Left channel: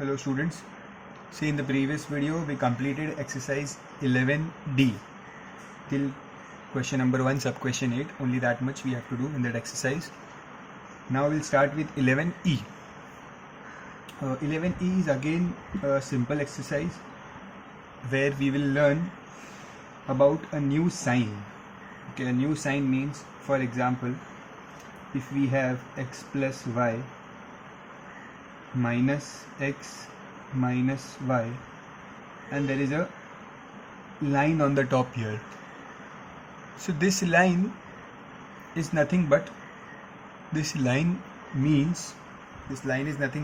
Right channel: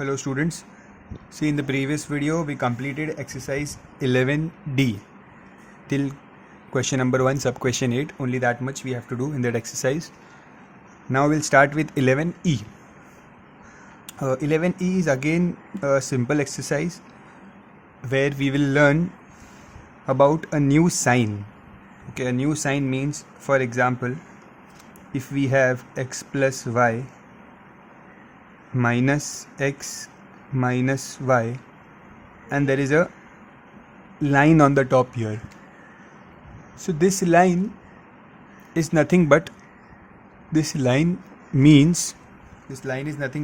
Hello students. See, in the previous video we completed exercise 11D till question number 1 sub question 8. Only that much we have to do in that exercise. Now we'll start with 11E. 11E is again a simple exercise where we will learn about a new sign. Okay, a new sign means, for example, if we have x plus y minus x minus y and there is a line on the top here. So this line is nothing but is nothing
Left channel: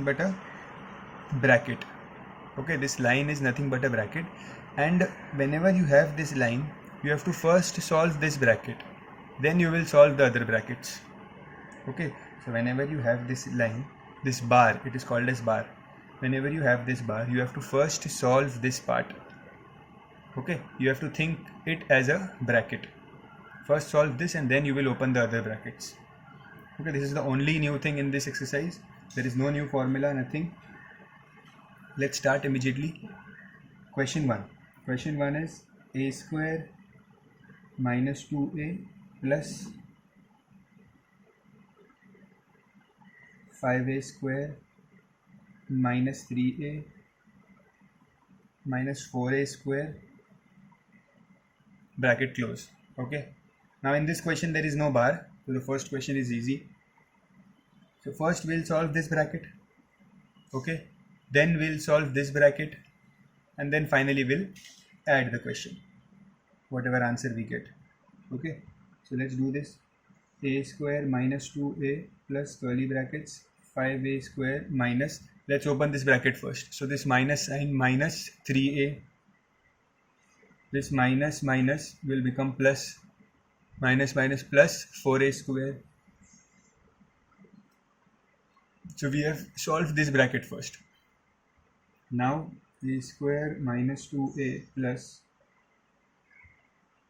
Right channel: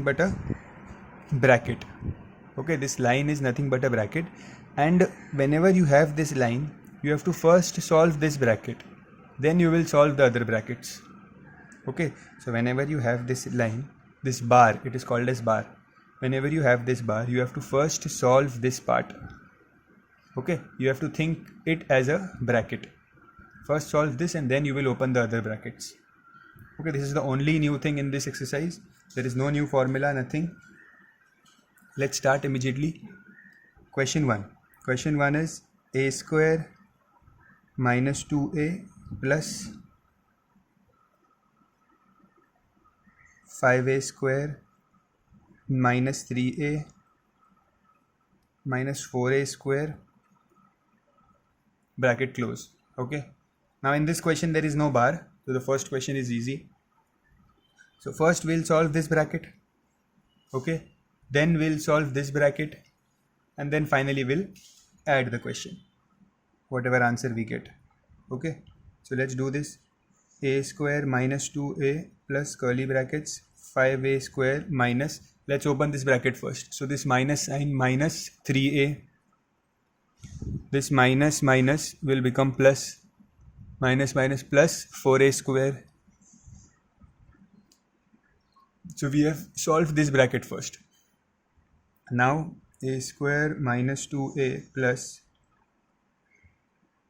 but a bracket. Okay, this line is nothing but a bracket, and whenever you have this line you have to first solve this bracket, then you will solve the other brackets. Okay, so whenever you have this line, this bar, it is called as bar. Whenever you have this bar, you have to first solve this part. Okay, you have to think it as a bracket. First solve this and then you will open the other brackets. Okay, this is the only new thing in this exercise. There is no new formula, nothing. Let's start immediately. Question 1. Question 1 is a square minus 2a plus 5a square minus 3a minus 4a square bracket close. Okay, now in this question there is no bar, so the first question is easy. So first we'll solve this bracket. Okay, then we'll solve this bracket, and then finally we'll add the question, whatever answer we get. Okay, so let's do this. A square minus 2a plus curly brackets 5a square minus, let's open this bracket first. So this minus sign, minus 3a, this minus minus will become plus, minus minus plus 4a square. So we have solved this bracket first. Now a square minus 2a plus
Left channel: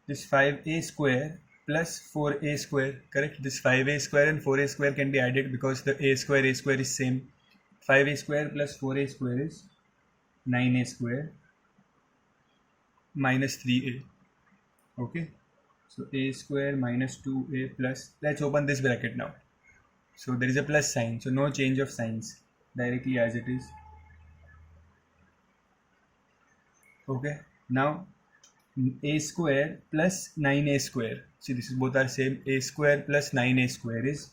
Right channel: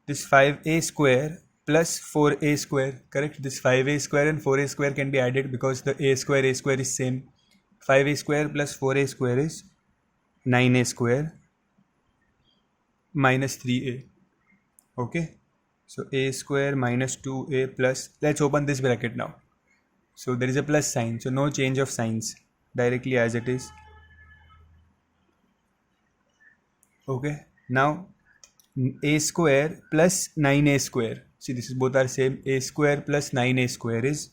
this 5a square plus 4a square, correct? This 5a square and 4a square can be added because the a square is same. 5a square plus 4a square is 9a square minus 3a. Okay, so a square minus 2a plus, let's open this bracket now. So there is a plus sign, so no change of signs, directly as it is. Okay, now a square plus 9a square, see this is both are same. A square plus 9a square is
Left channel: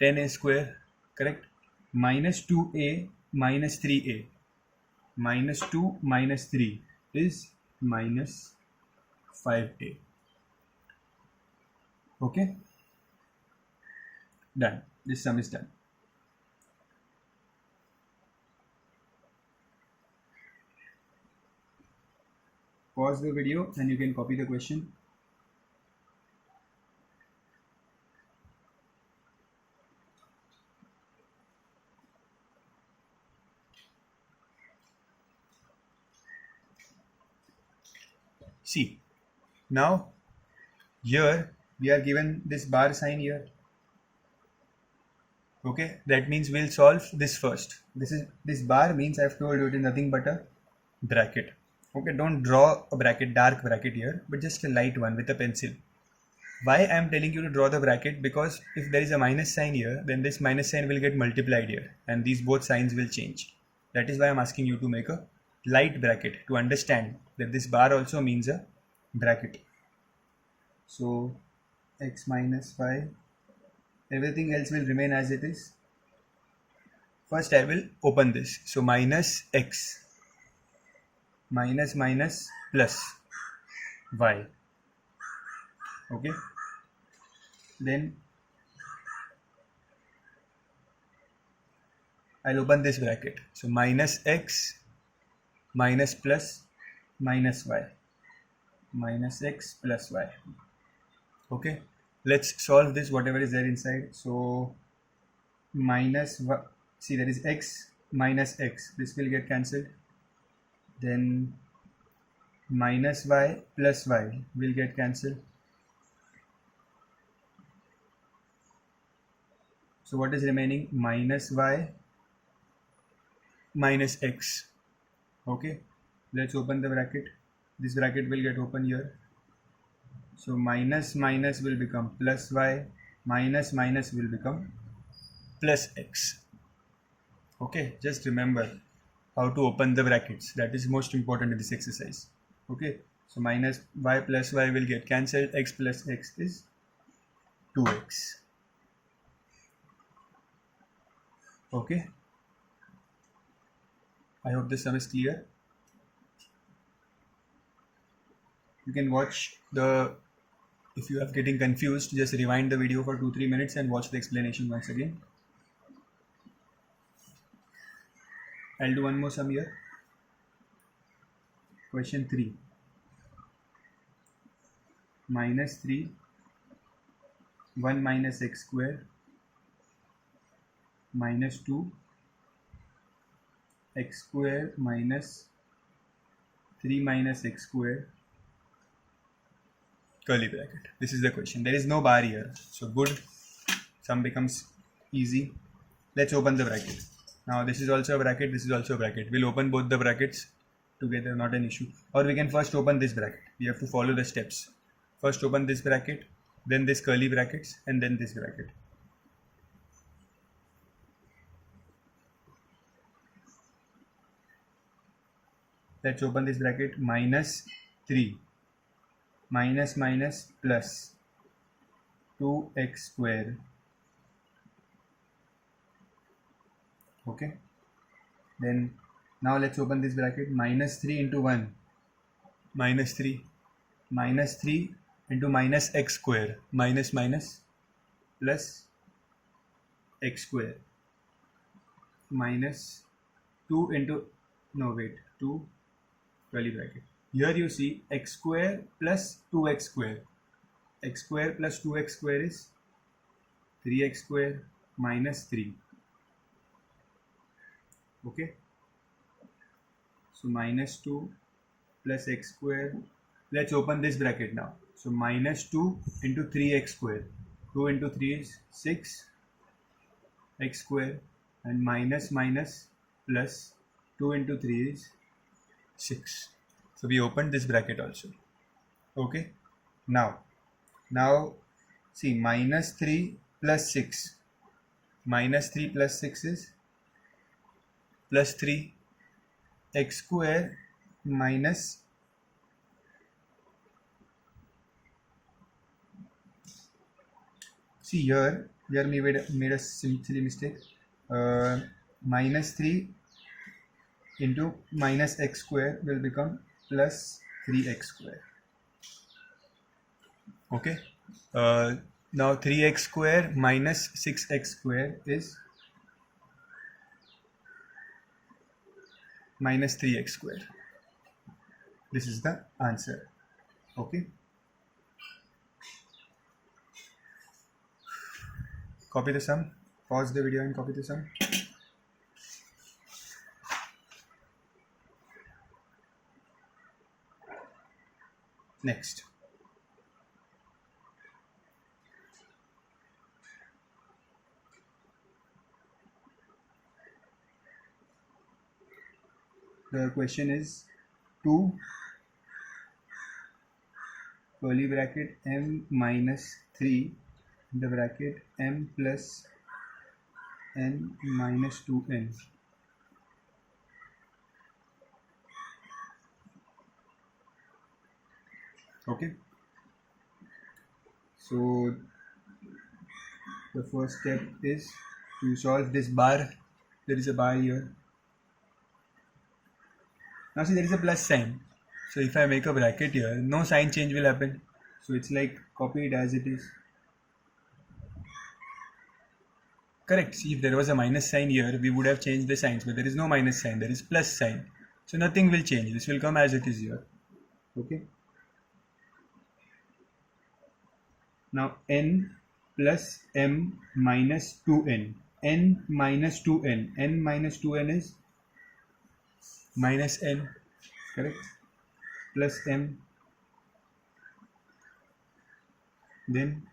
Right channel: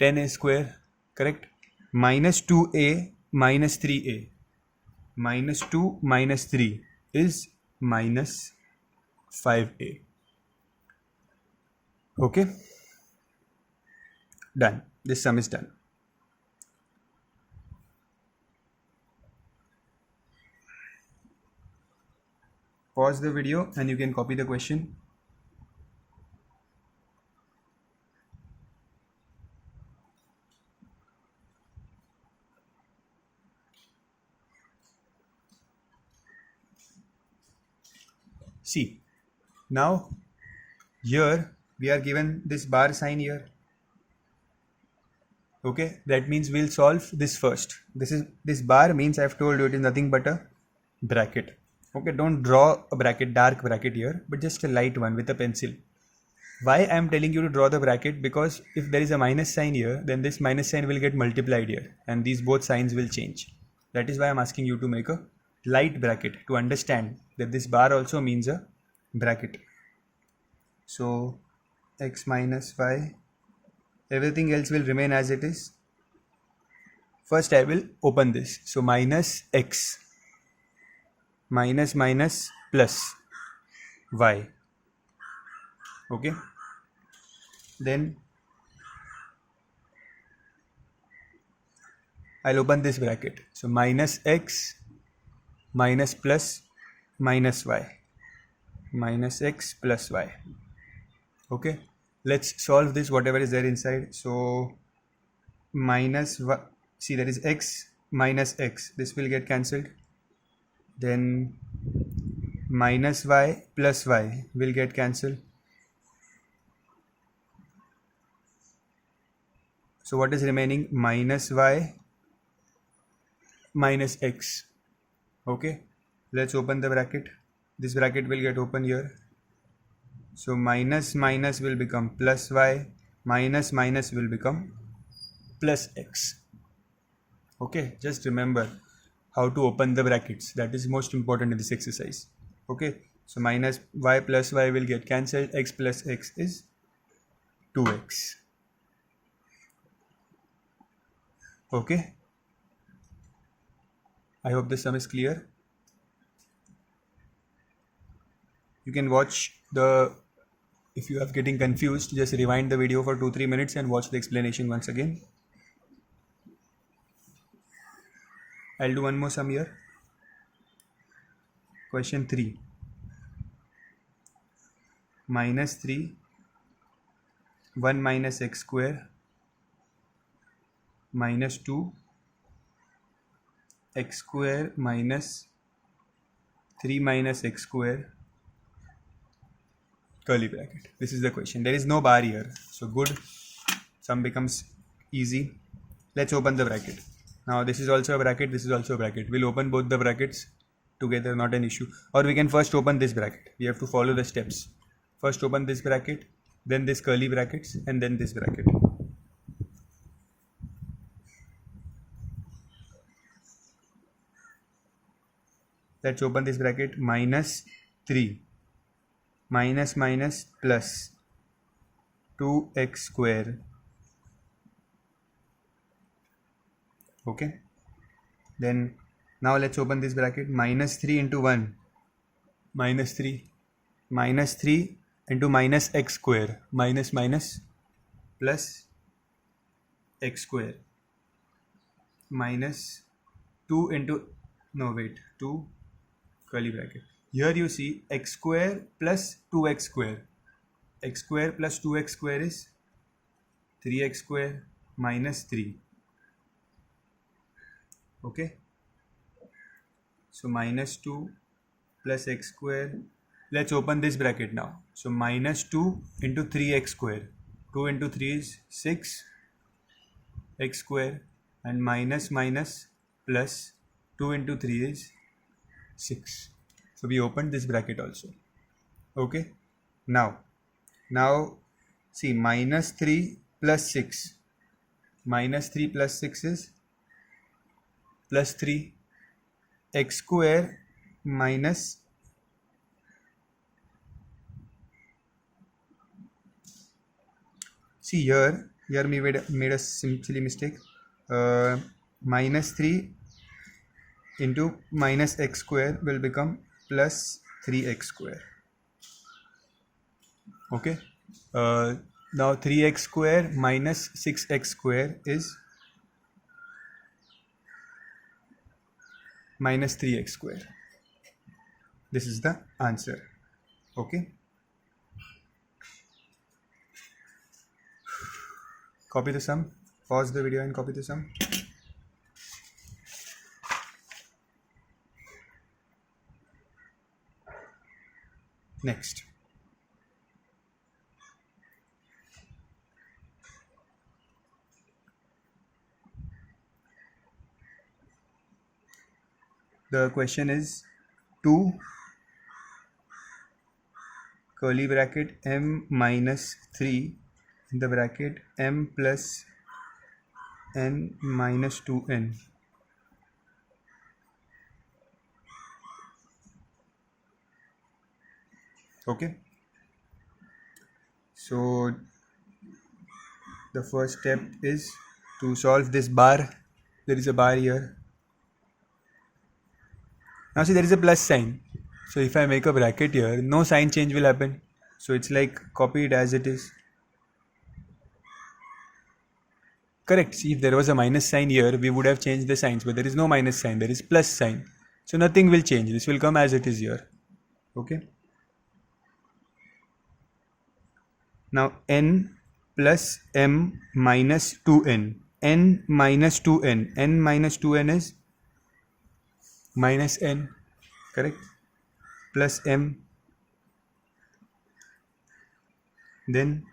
10a square, correct? Minus 2a minus 3a, minus 2 minus 3 is minus 5a. Okay, done. This sum is done. Pause the video and you can copy the question. See, now here we are given this bar sign here. Okay, that means we'll solve this first. This bar means I've told you it is nothing but a bracket. Okay, don't draw a bracket, dark bracket here, but just a light one with a pencil. Why I am telling you to draw the bracket? Because if there is a minus sign here, then this minus sign will get multiplied here and these both signs will change. That is why I am asking you to make a light bracket to understand that this bar also means a bracket. So x minus y, everything else will remain as it is. First I will open this. So minus x minus minus plus y. Okay, then I'll open this bracket. So minus x minus plus minus y, minus x plus y. Okay, let's solve this, whatever is there inside. So minus y, see there is x minus x, this will get cancelled. Then minus y plus y will get cancelled. So what is remaining? Minus y minus x. Okay, let's open the bracket. This bracket will get open here. So minus minus will become plus y, minus minus will become plus x. Okay, just remember how to open the brackets. That is most important in this exercise. Okay, so minus y plus y will get cancelled. X plus x is 2x. Okay, I hope the sum is clear. You can watch the, if you are getting confused, just rewind the video for 2-3 minutes and watch the explanation once again. I'll do one more sum here. Question 3. Minus 3, 1 minus x square, minus 2, x square minus 3 minus x square, curly bracket. This is the question. There is no bar here. So good. Sum becomes easy. Let's open the bracket. Now this is also a bracket. This is also a bracket. We'll open both the brackets together. Not an issue. Or we can first open this bracket. We have to follow the steps. First open this bracket. Then this curly brackets. And then this bracket. Let's open this bracket. Minus 3. Minus minus plus 2x square. Okay, then now let's open this bracket. Minus 3 into 1, minus 3, minus 3 into minus x square, minus minus plus x square, minus 2 into, no wait, 2 curly bracket. Here you see x square plus 2x square. X square plus 2x square is 3x square minus 3. Okay, so minus 2 plus x square. Let's open this bracket now. So minus 2 into 3x square. 2 into 3 is 6 x square, and minus minus plus 2 into 3 is 6. So we opened this bracket also. Okay, now see, minus 3 plus 6. Minus 3 plus 6 is plus 3 x square minus see here we made a silly mistake. Minus 3 into minus x square will become plus 3x square. Okay, now 3x square minus 6x square is minus 3x square. This is the answer. Okay, copy the sum, pause the video and copy the sum. Next, the question is 2 curly bracket m minus 3 in the bracket m plus n minus 2n. Okay, so the first step is to solve this bar. There is a bar here. Now see, there is a plus sign. So if I make a bracket here, no sign change will happen. So it's like copy it as it is. Correct. See, if there was a minus sign here, we would have changed the signs, but there is no minus sign, there is plus sign. So nothing will change. This will come as it is here. Okay. Now n plus m minus 2n. n minus 2n. n minus 2n is minus n. Correct. Plus m. Then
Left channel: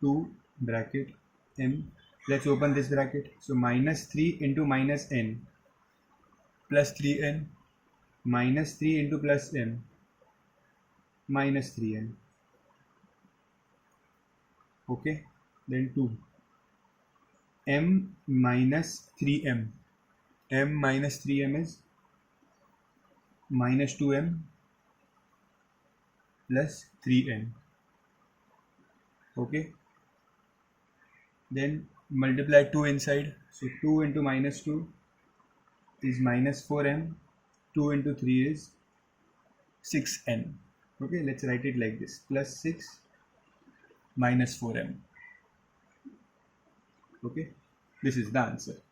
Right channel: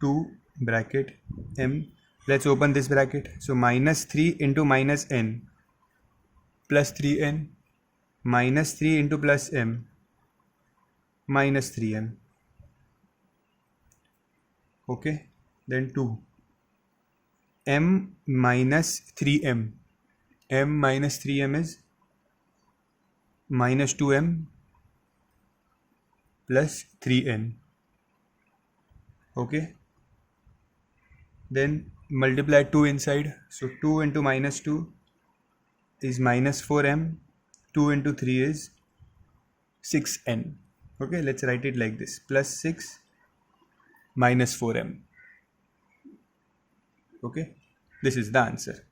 2 bracket m. Let's open this bracket. So minus 3 into minus n. plus 3n, minus 3 into plus m, minus 3m. Okay, then 2, m minus 3m, m minus 3m is minus 2m plus 3n. Okay, then multiply 2 inside, so 2 into minus 2 is minus 4m, 2 into 3 is 6n. Okay, let's write it like this, plus 6 minus 4m. Okay, this is the answer.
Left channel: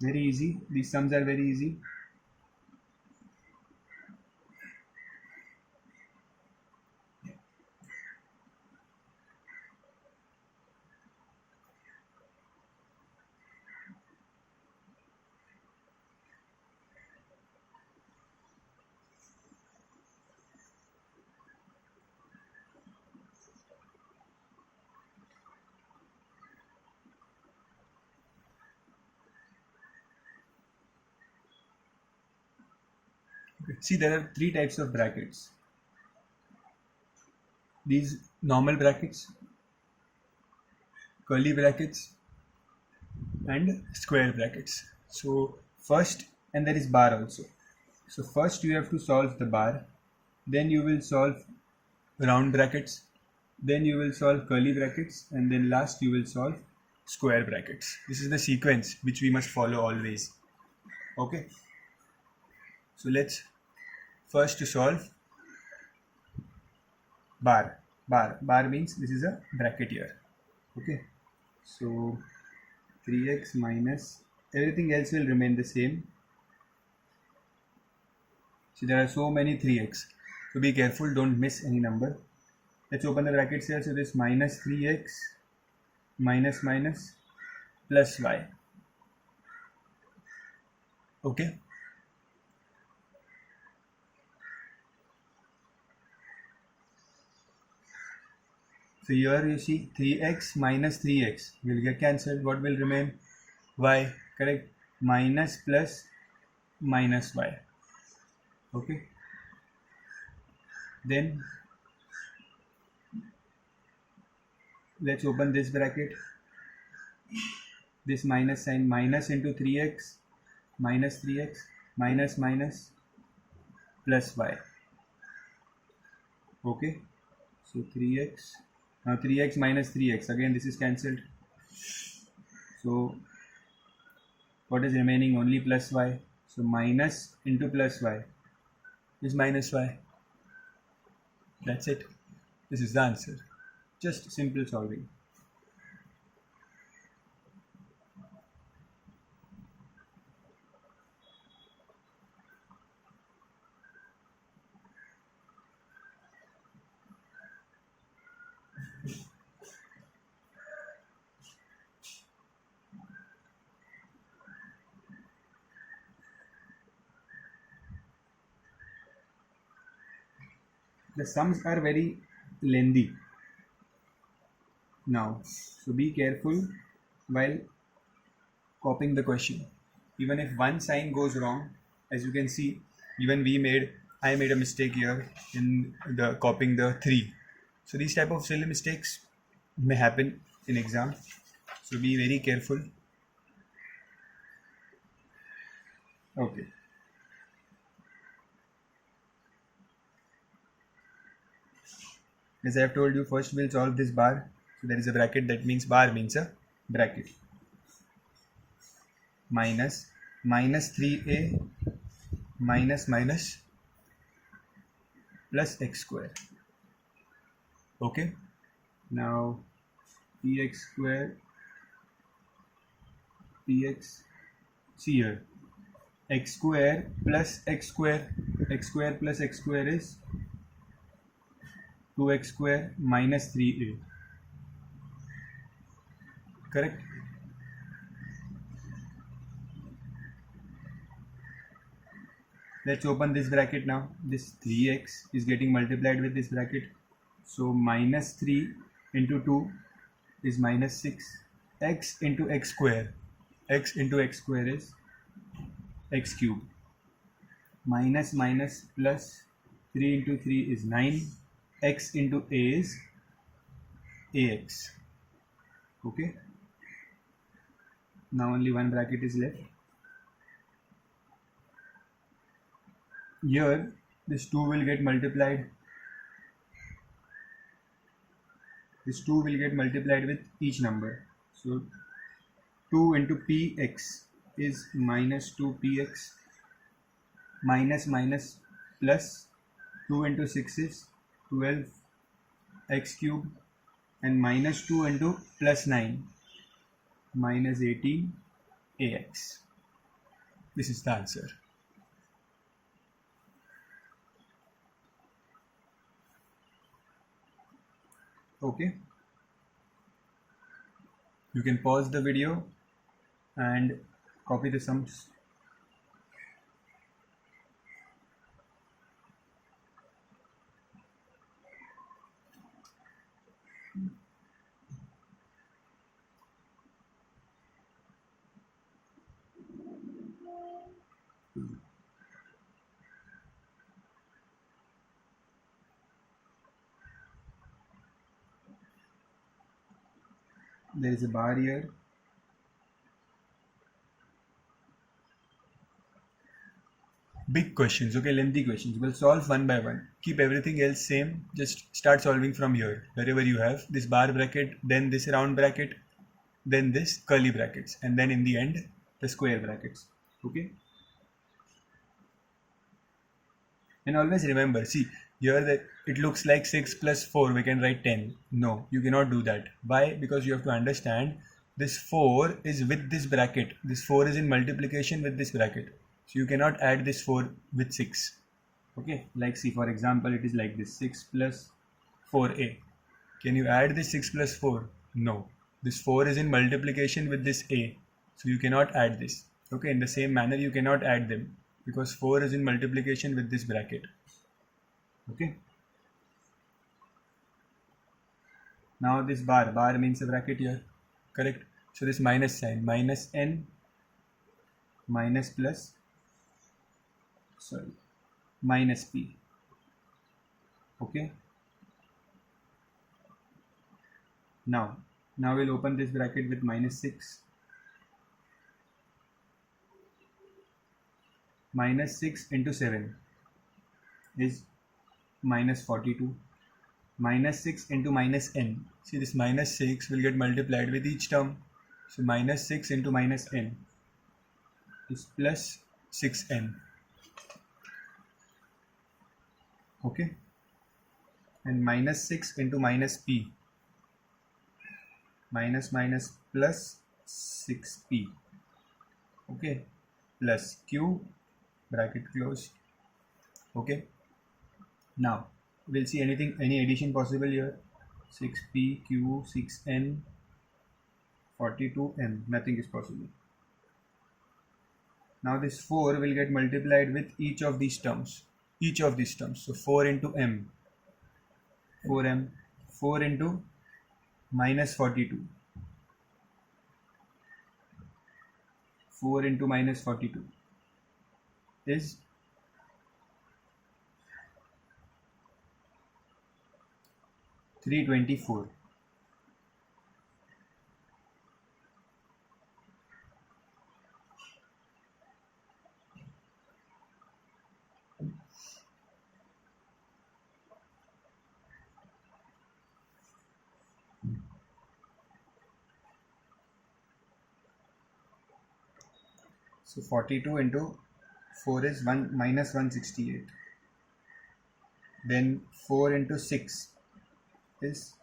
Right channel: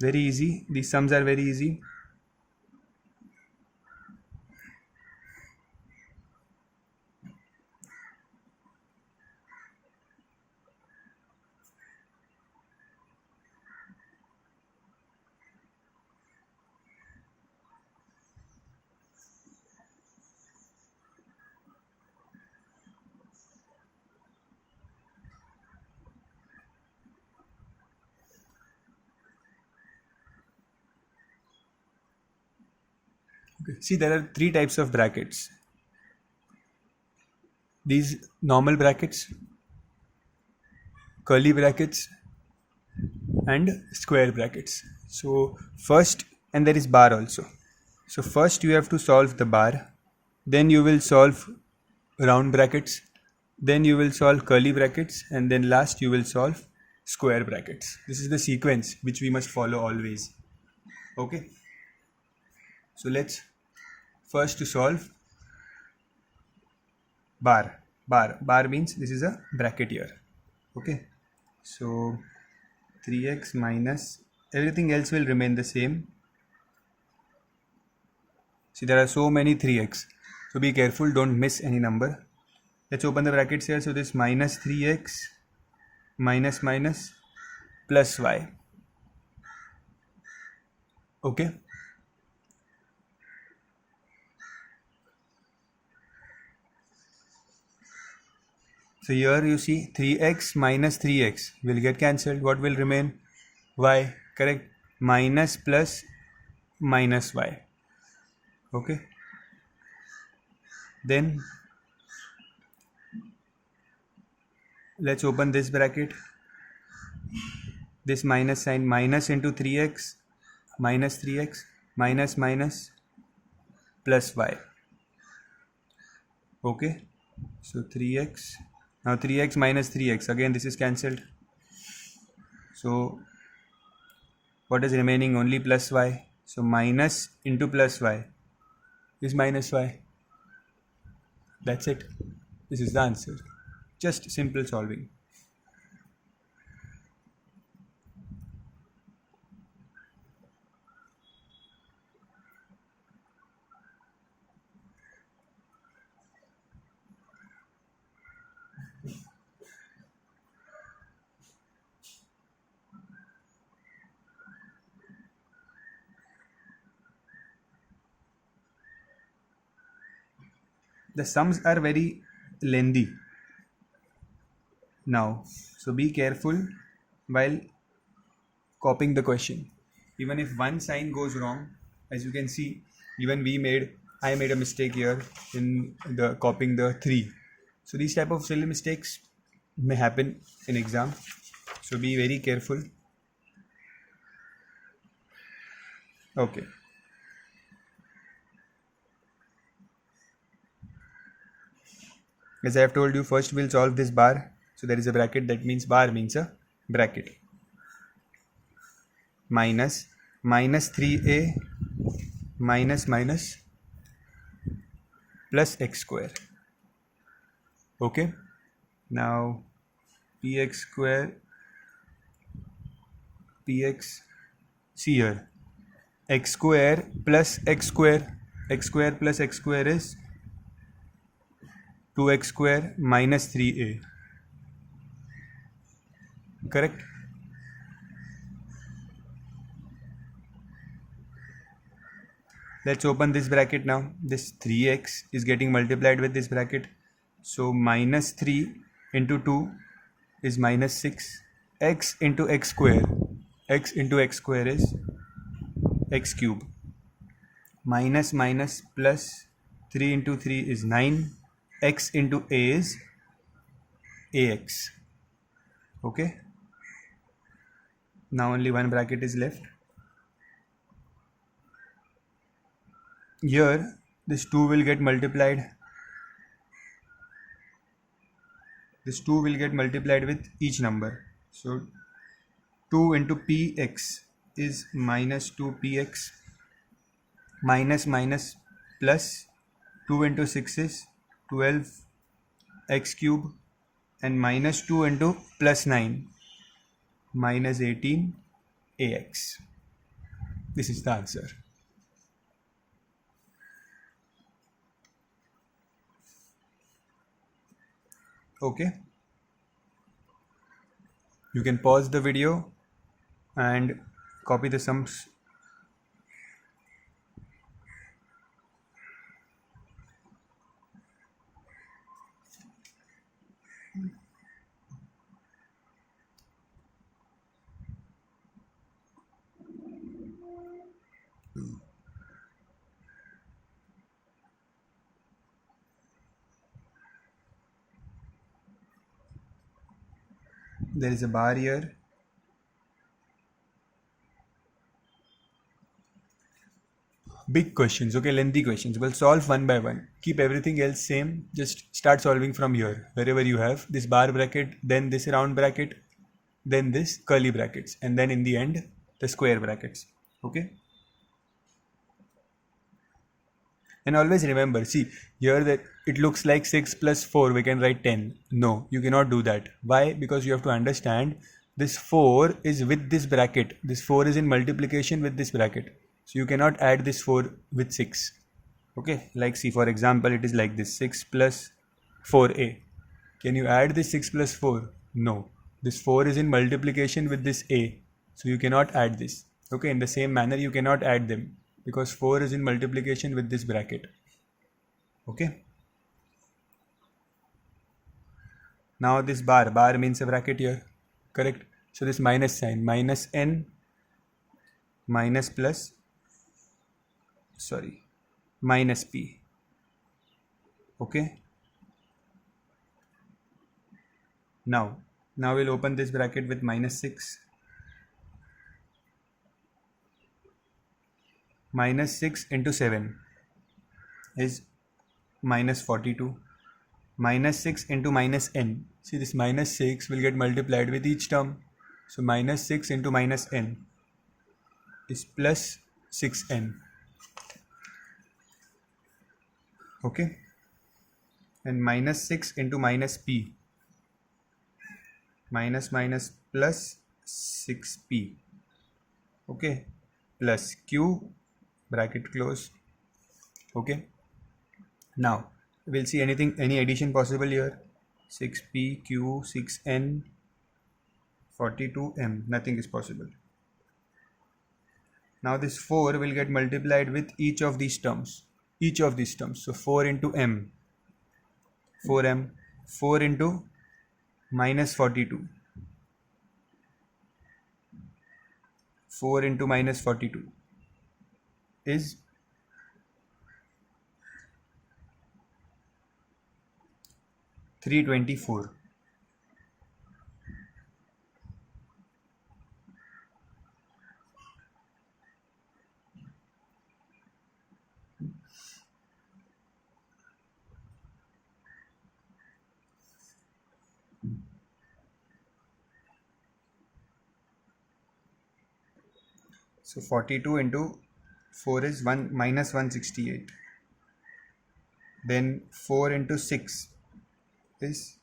Very easy, these sums are very easy. Okay. See, there are 3 types of brackets. These normal brackets, curly brackets, and square brackets. So first, and there is bar also. So first you have to solve the bar, then you will solve round brackets, then you will solve curly brackets, and then last you will solve square brackets. This is the sequence which we must follow always. Okay, so let's first solve bar. Bar means this is a bracket here. Okay, so 3x minus, everything else will remain the same. See, there are so many 3x, so be careful, don't miss any number. Let's open the brackets here. So this minus 3x minus minus plus y. Okay, so here you see 3x minus 3x will get cancelled. What will remain? Y, correct? Minus plus minus y. Okay, then let's open this bracket. This minus sign, minus into 3x minus 3x minus minus plus y. Okay, so 3x, now 3x minus 3x, again this is cancelled. So what is remaining? Only plus y. So minus into plus y is minus y. That's it. This is the answer. Just simple solving. The sums are very lengthy now, so be careful while copying the question. Even if one sign goes wrong, as you can see, even I made a mistake here in the copying the 3. So these type of silly mistakes may happen in exam, so be very careful. Okay, as I have told you, first we'll solve this bar. So there is a bracket, that means bar means a bracket. Minus 3a minus minus plus x square. Okay, now px square, px, see here, x square plus x square, x square plus x square is 2x square minus 3a. Correct? Let's open this bracket now. This 3x is getting multiplied with this bracket. So minus 3 into 2 is minus 6. X into x square x into x square is x cube. Minus minus plus 3 into 3 is 9. X into a is ax. Okay. Now only one bracket is left. Here this 2 will get multiplied. This 2 will get multiplied with each number. So 2 into px is minus 2px. Minus minus plus 2 into 6 is 12x cube, and minus 2 into plus 9 minus 18 ax. This is the answer. Okay. You can pause the video and copy the sums. There is a bar here. Big questions, okay, lengthy questions. We'll solve one by one. Keep everything else same. Just start solving from here. Wherever you have this bar bracket, then this round bracket, then this curly brackets, and then in the end, the square brackets. Okay. And always remember, see, here that it looks like 6 plus 4, we can write 10. No, you cannot do that. Why? Because you have to understand this 4 is with this bracket. This 4 is in multiplication with this bracket. So you cannot add this 4 with 6. Okay, like see, for example, it is like this 6 plus 4a. Can you add this 6 plus 4? No. This 4 is in multiplication with this a. So you cannot add this. Okay, in the same manner, you cannot add them, because 4 is in multiplication with this bracket. Okay. Now this bar means a bracket here, correct? So this minus sign, minus n, minus plus, sorry, minus p. Okay. Now we'll open this bracket with minus 6. Minus 6 into 7 is minus 42. Minus 6 into minus n. See, this minus 6 will get multiplied with each term. So minus 6 into minus n is plus 6n. Okay. And minus 6 into minus p. Minus minus plus 6p. Okay. Plus q, bracket close. Okay. Now we'll see any addition possible here. 6p, q, 6n, 42m. Nothing is possible. Now this 4 will get multiplied with each of these terms. So 4 into m, 4m, 4 into minus 42, 4 into minus 42 is 324. So 42 into 4 is minus 168. Then 4 into 6 is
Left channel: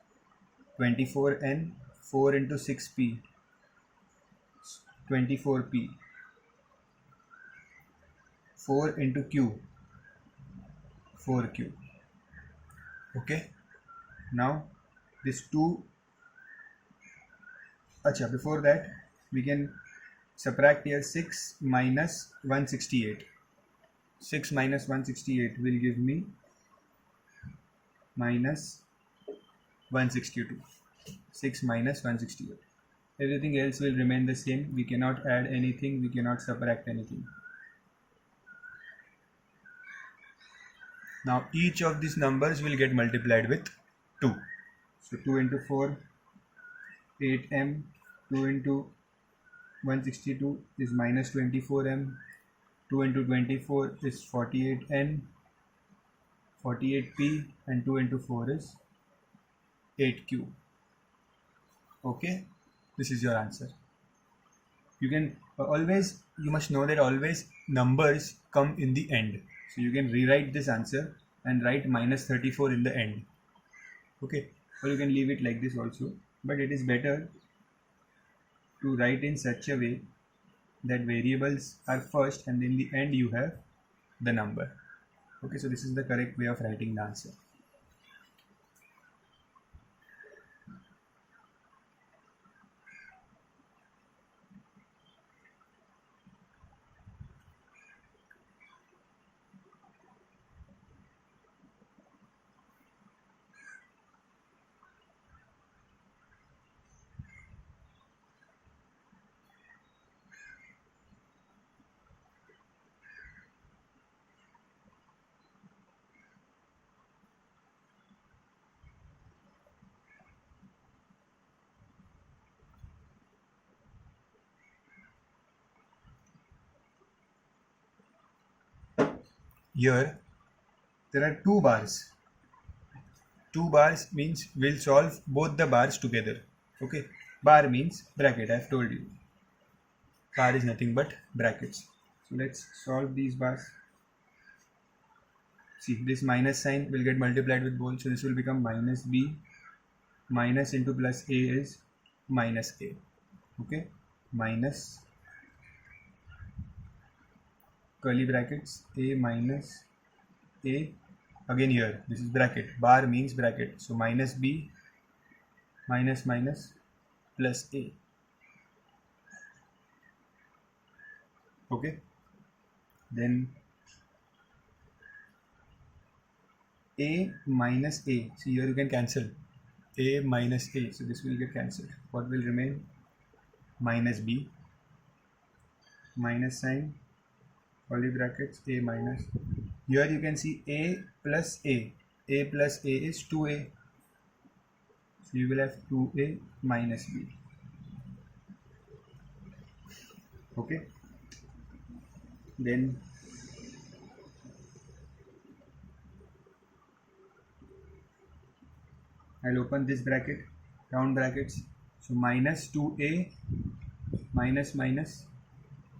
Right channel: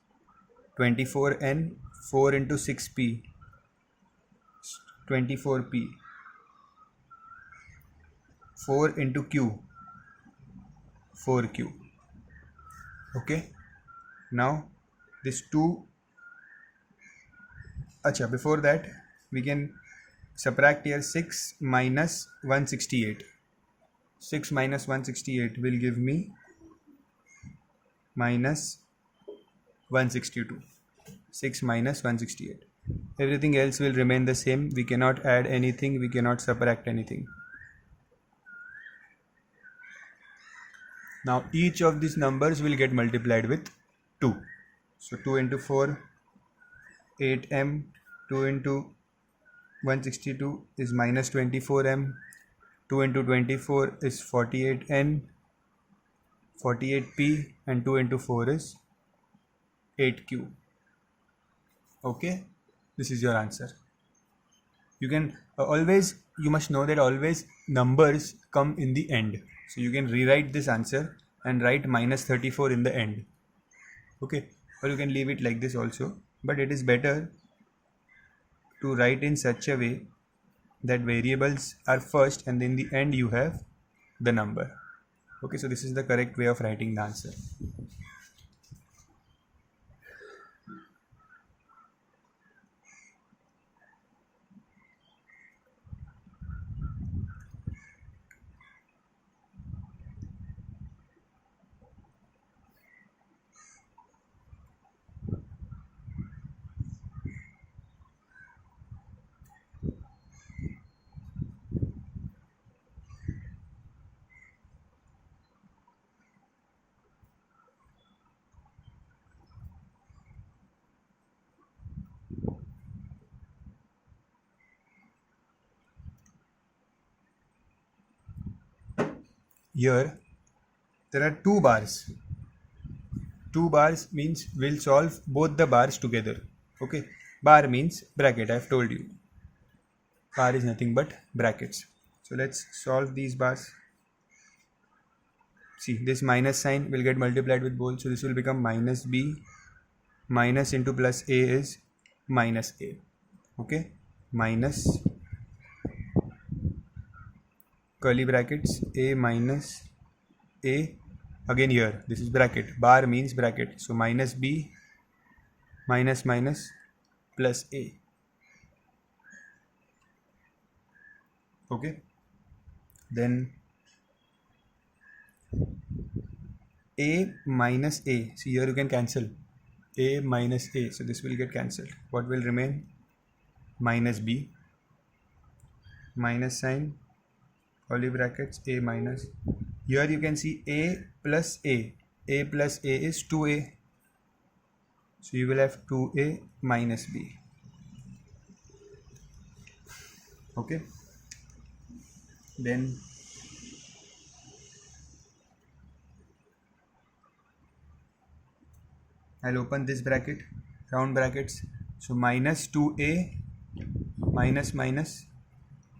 24n. 4 into 6p, 24p. 4 into q, 4q. Okay. Now this 2. Before that we can subtract here 6 minus 168. 6 minus 168 will give me minus 162. 6 minus 168. everything else will remain the same. We cannot add anything, we cannot subtract anything. Now each of these numbers will get multiplied with 2. So 2 into 4, 8m, 2 into 162 is minus 24m, 2 into 24 is 48n, 48p, and 2 into 4 is 8q. Okay, this is your answer. You can you must know that always numbers come in the end. So you can rewrite this answer and write minus 34 in the end. Okay, or you can leave it like this also, but it is better to write in such a way that variables are first and in the end you have the number. Okay, so this is the correct way of writing the answer. Here there are two bars. Two bars means we'll solve both the bars together. Okay, bar means bracket. I've told you bar is nothing but brackets. So let's solve these bars. See, this minus sign will get multiplied with both, so this will become minus b, minus into plus a is minus a. Okay, minus curly brackets a minus a. Again here this is bracket, bar means bracket, so minus b minus minus plus a. Okay, then a minus a, see here you can cancel a minus a, so this will get cancelled. What will remain? Minus b, minus sign, curly brackets a minus. Here you can see a plus a plus a is 2a, so you will have 2a minus b. Okay, then I'll open this bracket, round brackets, so minus 2a minus minus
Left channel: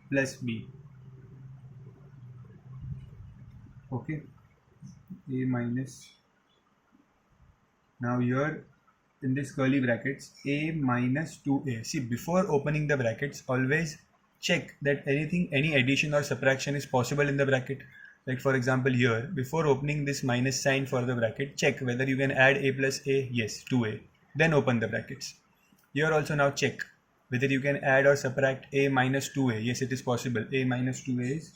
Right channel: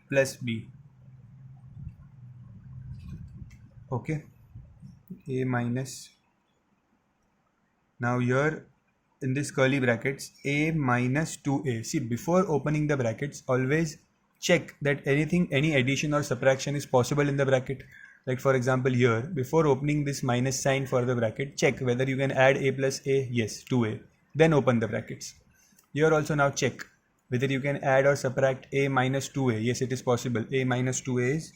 plus b. Okay, a minus. Now here in this curly brackets, a minus 2a. See, before opening the brackets, always check that any addition or subtraction is possible in the bracket. Like for example here, before opening this minus sign for the bracket, check whether you can add a plus a. Yes, 2a. Then open the brackets. Here also now check whether you can add or subtract a minus 2a. Yes, it is possible. A minus 2a is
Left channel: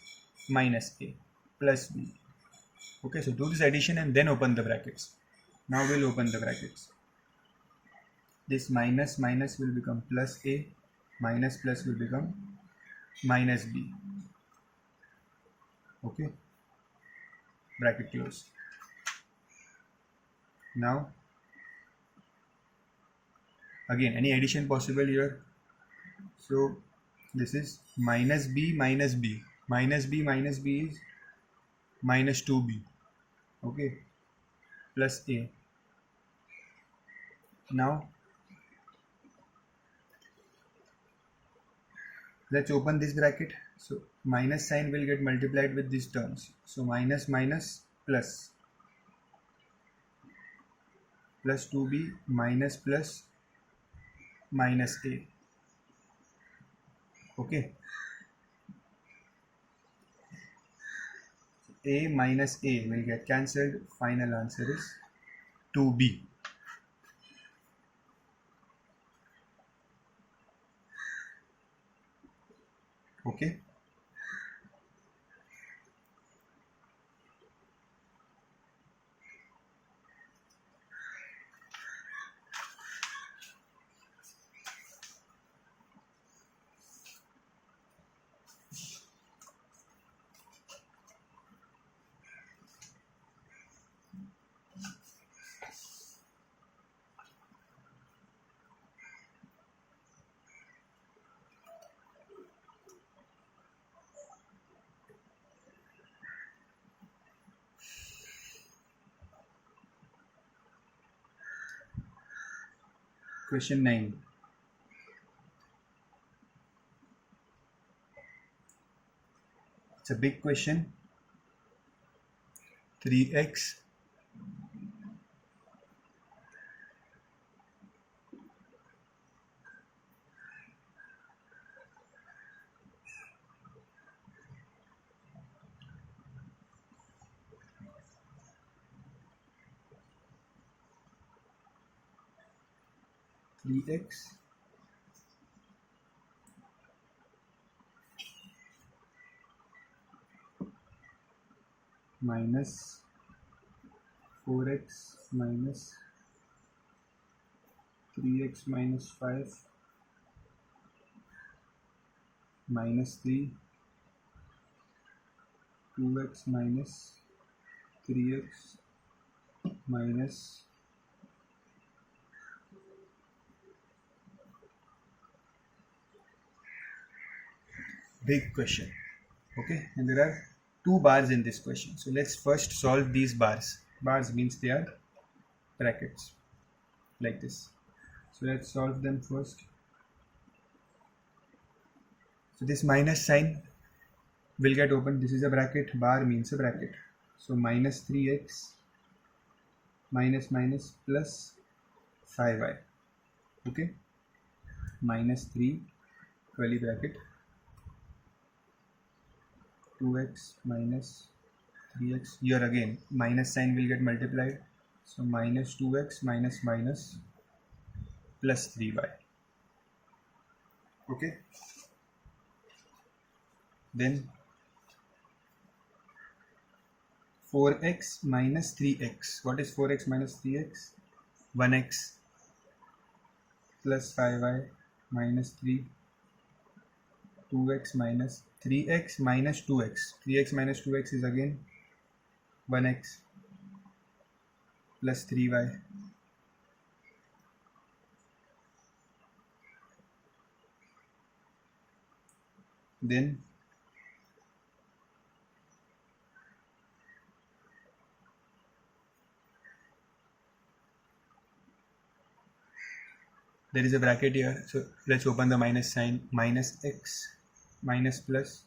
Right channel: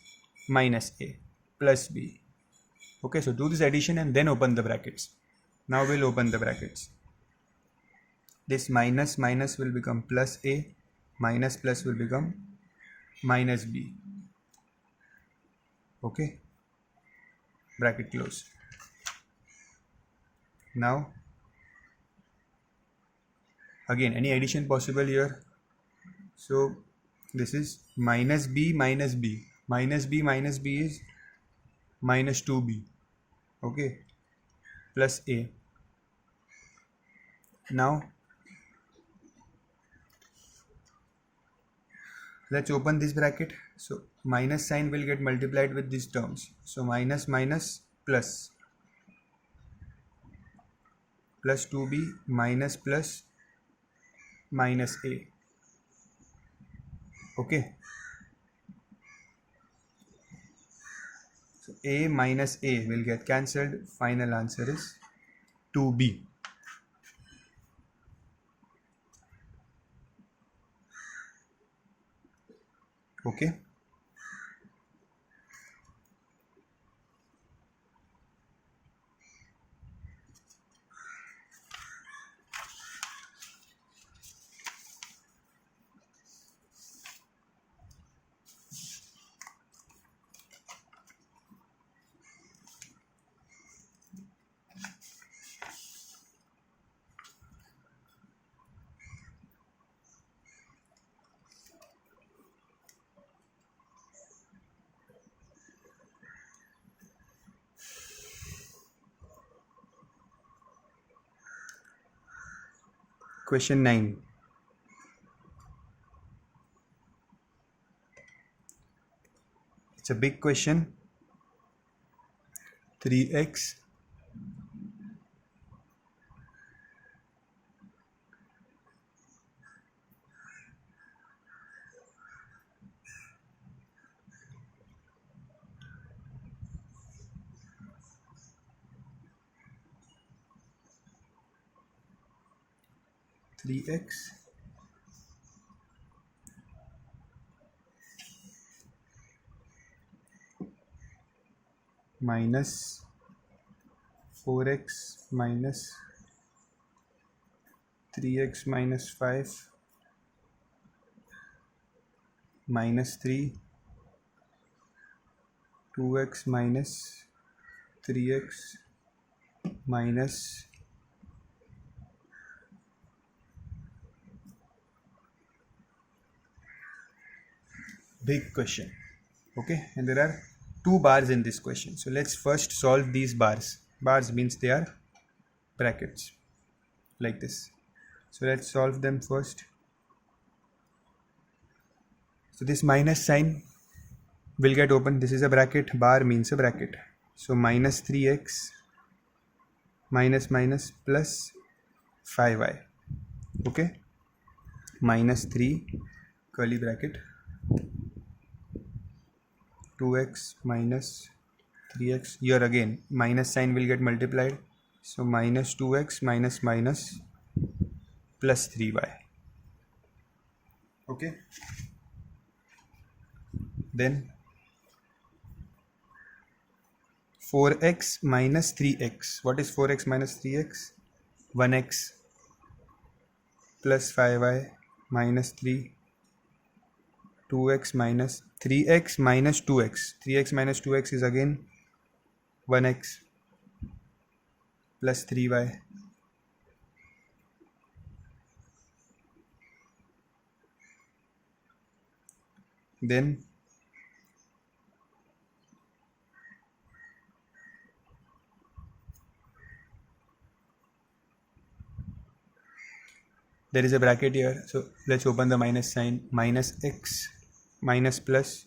minus a plus b. Okay, so do this addition and then open the brackets. Now we'll open the brackets. This minus minus will become plus a, minus plus will become minus b. Okay, bracket close. Now again any addition possible here, so this is minus b minus b, minus b minus b is minus 2b. Okay, plus a. Now let's open this bracket, so minus sign will get multiplied with these terms, so minus minus plus, plus 2b minus plus minus a. Okay, so a minus a will get cancelled. Final answer is 2b. Okay, Question 9. It's a big question. 3x minus 4x minus 3x minus 5 minus 3 2x minus 3x minus big question. Okay, and there are 2 bars in this question. So let's first solve these bars. Bars means they are brackets like this. So let's solve them first. So this minus sign will get open. This is a bracket. Bar means a bracket. So minus 3x minus minus plus 5y. Okay, minus 3 curly bracket 2x minus 3x. Here again minus sign will get multiplied. So minus 2x minus minus plus 3y. Okay, then 4x minus 3x. What is 4x minus 3x? 1x plus 5y minus 3 2x minus 3x minus 2x. 3x minus 2x is again 1x plus 3y. Then there is a bracket here. So let's open the minus sign. Minus x minus plus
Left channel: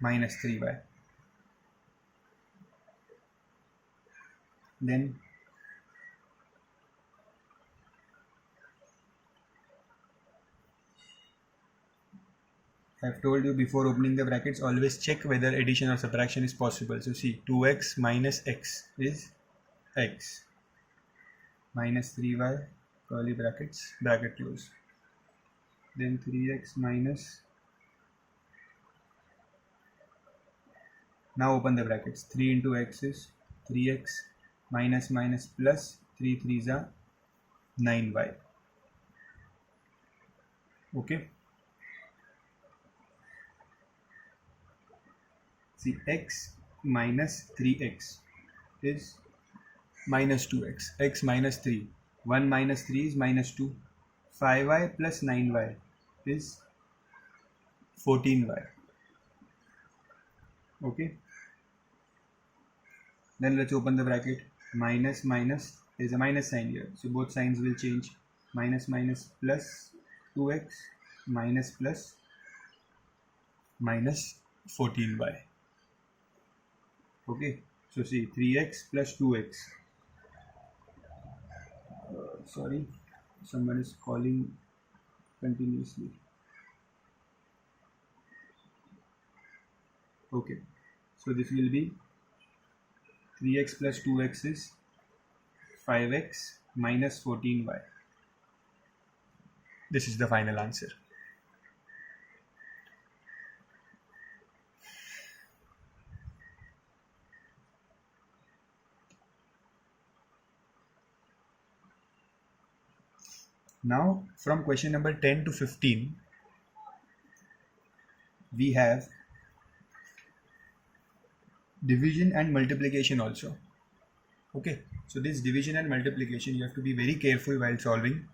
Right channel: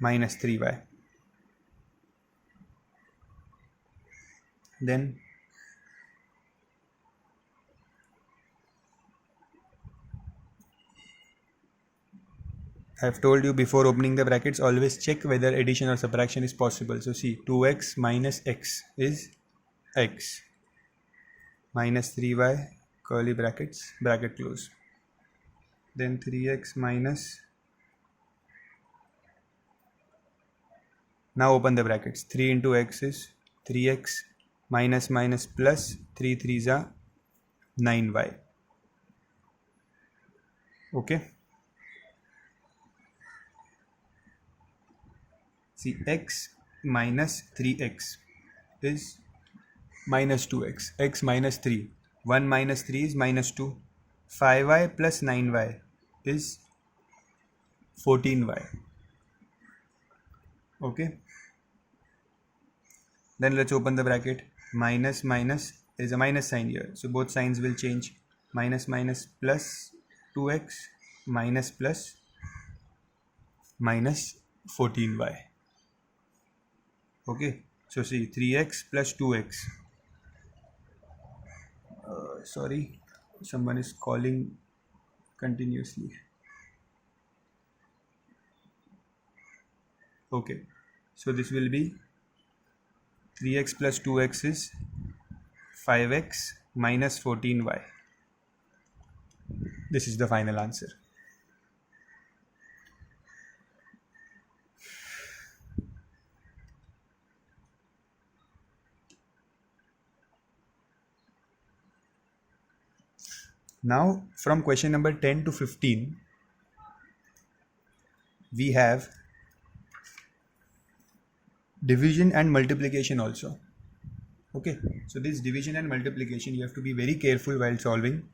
minus 3y. Then I have told you before opening the brackets, always check whether addition or subtraction is possible. So see, 2x minus x is x minus 3y curly brackets, bracket close. Then 3x minus, now open the brackets. 3 into x is 3x minus minus plus 3 3s are 9y. Okay, see, x minus 3x is minus 2x, x minus 3, 1 minus 3 is minus 2, 5y plus 9y is 14y. Okay, then let's open the bracket. Minus minus, there is a minus sign here, so both signs will change. Minus minus plus 2x minus plus minus 14y. Okay, so see, 3x plus 2x. Sorry, someone is calling continuously. Okay, so this will be 3x plus 2x is 5x minus 14y. This is the final answer. Now from question number 10 to 15, we have division and multiplication also. Okay, so this division and multiplication you have to be very careful while solving.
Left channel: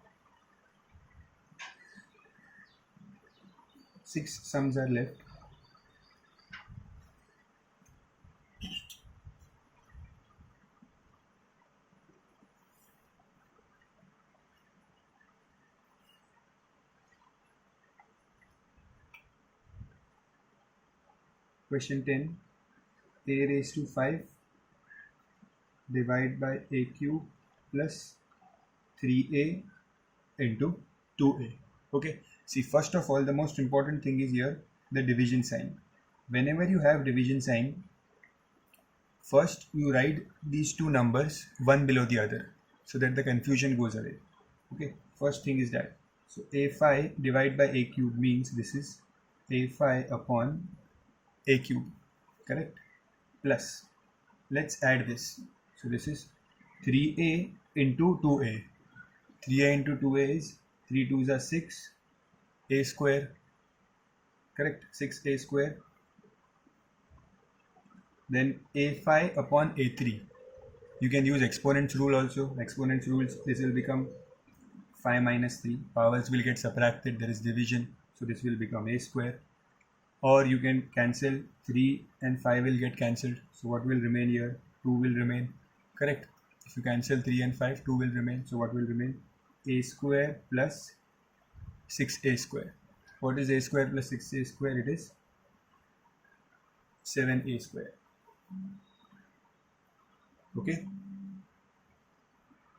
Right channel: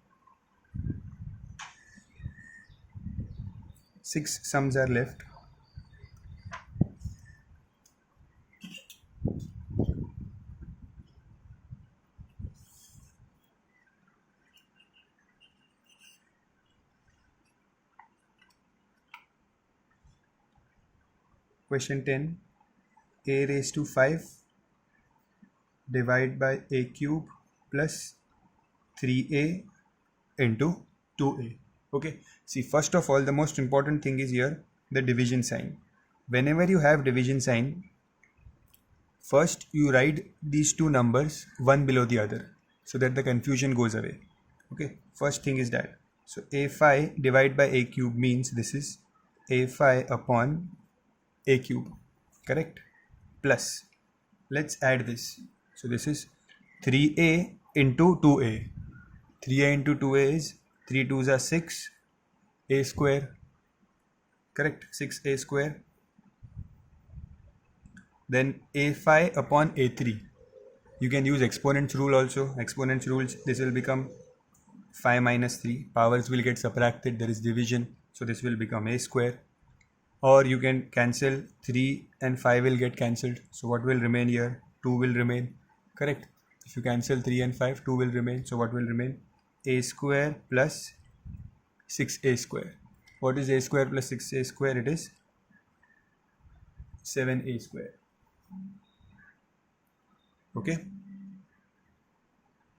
6 sums are left. Question 10. A raised to 5 divided by a cube plus 3a into 2a. Okay, see, first of all, the most important thing is here the division sign. Whenever you have division sign, first you write these two numbers one below the other so that the confusion goes away. Okay, first thing is that. So a5 divided by a cube means this is a5 upon a cube, correct? Plus, let's add this. So this is 3a into 2a. 3a into 2a is 3 2s are 6, a square, correct? 6a square. Then a5 upon a3. You can use exponents rule also. Exponents rules, this will become 5 minus 3. Powers will get subtracted, there is division. So this will become a square. Or you can cancel 3 and 5 will get cancelled. So what will remain here? 2 will remain, correct? If you cancel 3 and 5, 2 will remain. So what will remain? A square plus 6a square. What is a square plus 6a square? It is 7a square. Okay.